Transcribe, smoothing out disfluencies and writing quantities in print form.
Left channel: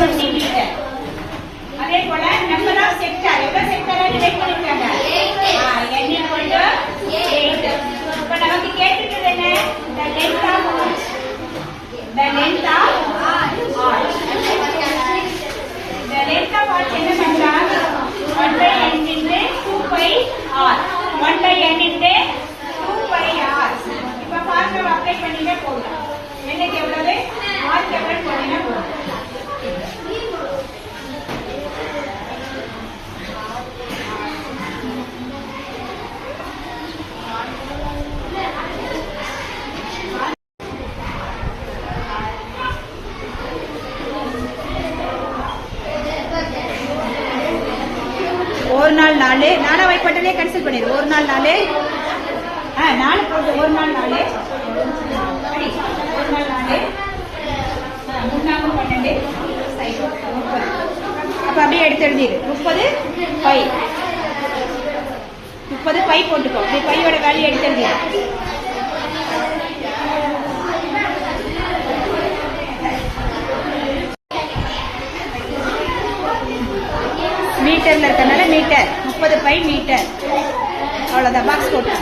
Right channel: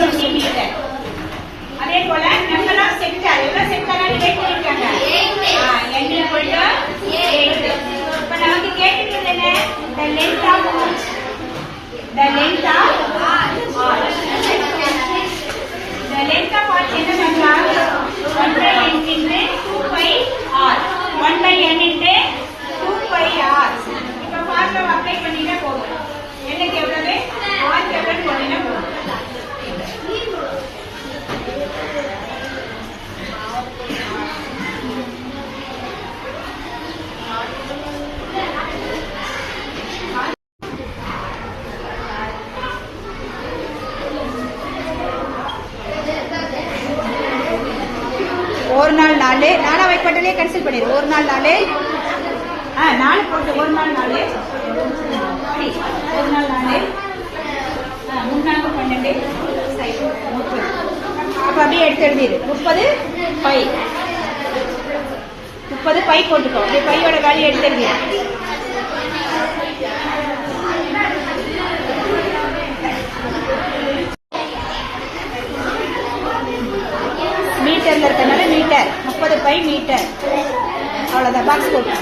Centimetre. அதே போல number of sector எவ்வளவு செக்டாரான்னு கேட்டிருக்காங்க. n equal to 8. இப்ப நமக்கு கேட்டிருக்கிறது என்ன? the length of r. The length of r என்ன என்றால் 1 by n into 2 pi r. 1 by n into 2 pi r. இப்ப ஃபார்முலா அப்ளை பண்ணினா போதும். என்ன எவ்வளவு? r எவ்வளவு போடுனா போதும். ஒரு நாள் 4 நானா வைட் பட்டனே கேன்சல் பண்ணிடு. ஒரு நாள் 4 4 போட்டு ஒரு நாள் 4 ஒரு நாள் 4 3 நாள் 12 30. அப்ப அப்படியே எடுத்து எழுதிடு. 30 பை 30 பை போட்டுக்கோ. அப்படி பையோட வேல்யூ எடுத்து எழுதிடு. மீட்டர்ல இருக்கனால மீட்டர் 30 பை மீட்டர். அவ்வளவுதான். பாக்ஸ் போட்டு